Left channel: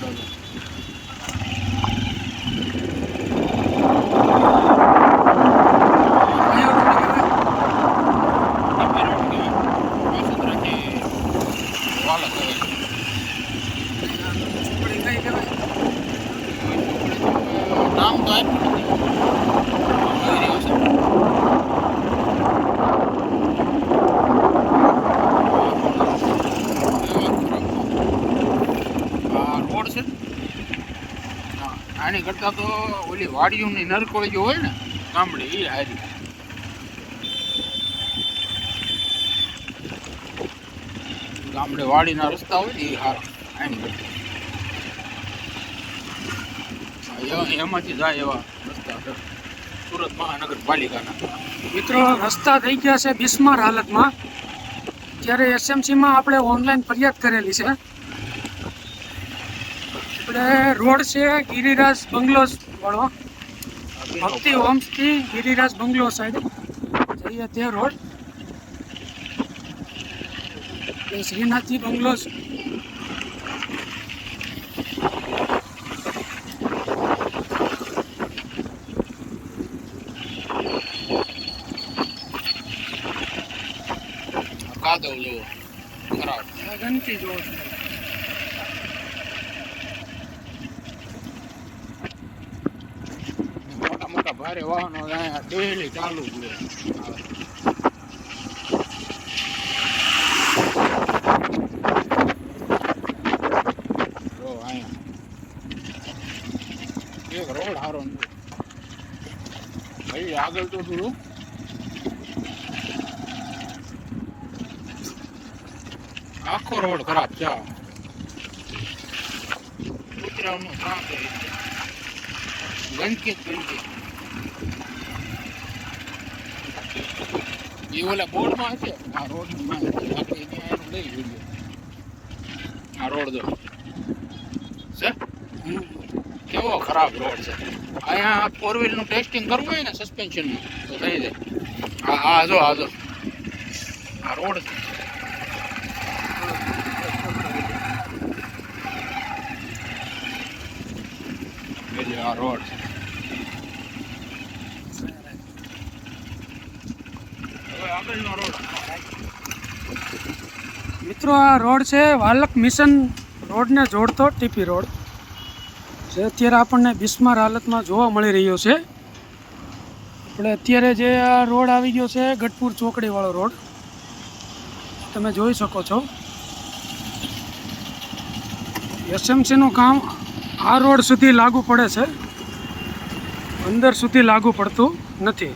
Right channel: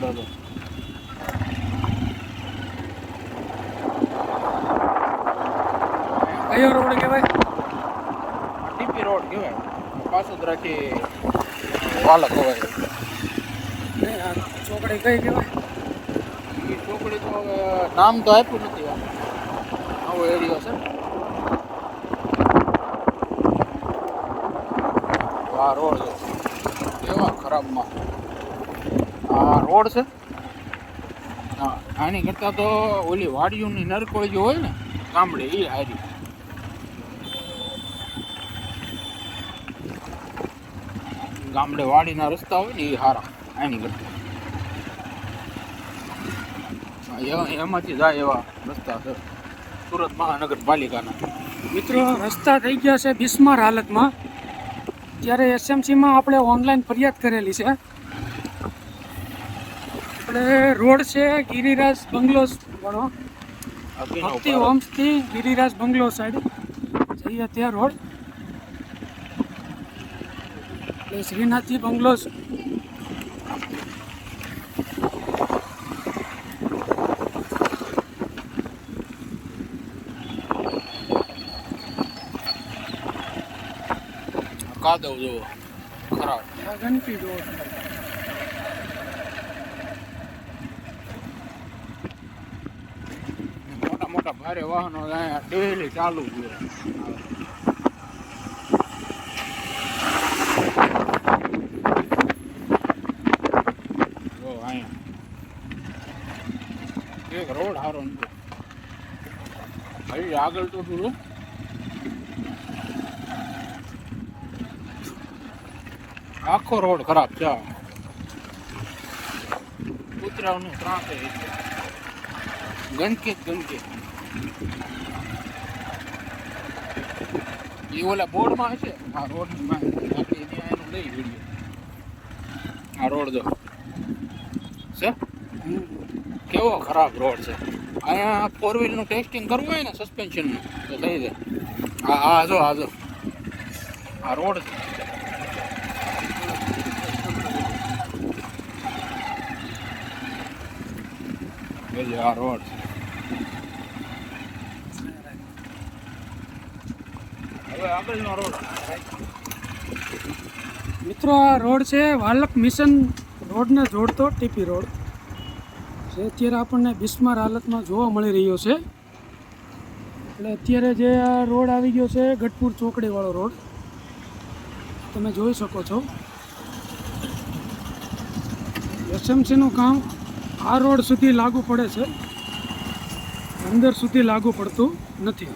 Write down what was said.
ડોલો કયો રોડ કહેવાય? TP road કહેવાય. વાસુંદરાથી વાલક કહેવાય. નહીં, આ ચોકડી કઈ કહેવાય? એ ચોકડી તો નામ તો આપ્યું નથી. એવો એરિયો છે. આ રોડ એવા ખરાબ ના. આ રોડ છે. હા, આની કરતાં તો ઓલી વાડીઓની નરકોળી જો હોય ને ગામડે એ હારી. ગામડે વાડીના રસ્તા હોય ને એ સારા આની કરતાં. એમાંથી જાય એવા રસ્તા છે સુરત મહાનગરપાલિકાના. મિત્રો, રસ્તા થઈ ગયા છે બિસ્માર હાલતમાં. ત્યારે એસએમસીમાં આપણે ઓનલાઈન ફરિયાદ કરેલી છે. આપણે રોડ છે ગિરિરાજ બંગલોઝ વાળો, ભક્તિ હોમ્સથી ગિરિરાજ બંગલો સાઈડ જઈએ ત્યાં રોડ એટલે શ્રીનાથજી બંગલોઝ. કાદવ જેવો ખરાબ. ગંદકી જોવો છો. મોટા મોટા ભારે વાહનો અહીંયા ડેલી ચાલુ જ હોય. જો અહીંયા એક રોડ સારો નથી. ભાઈ આગળ તો થોડું આખો રોડ ખરાબ છે. કૂતરાઓનું ત્રાસ છે. ગંદકી જ ગંદકી. એ ઓલા બોર્ડમાં હશે આ રોડની માહિતી. બાકી ત્યાં એનું લઈ વિડીયો. આ રોડ જો છે કેવો ખરાબ રોડ છે. અહીંયા 4 વ્હીલનું ટેસ્ટિંગ કરવું હોય ને સસ્પેન્શનનું તો થઈ જાય. હા જો આ રોડ આ રોડ મિત્રો, આ રોડ છે વાલક મિશન રોડને જોડતો ટીપી રોડ જે અત્યારે આપણને બિસ્માર હાલતમાં જોવા મળી રહ્યો છે. આપણે અત્યારે જે આ રોડ આવી ગયો છે ગઢપુર ચોકડીવાળો રોડ તમે જોઈ શકો છો. એસએમસીનું કામ આ રોડ સુધી લાગુ પડે છે, અંદર સુધી લાગુ પડતું નથી.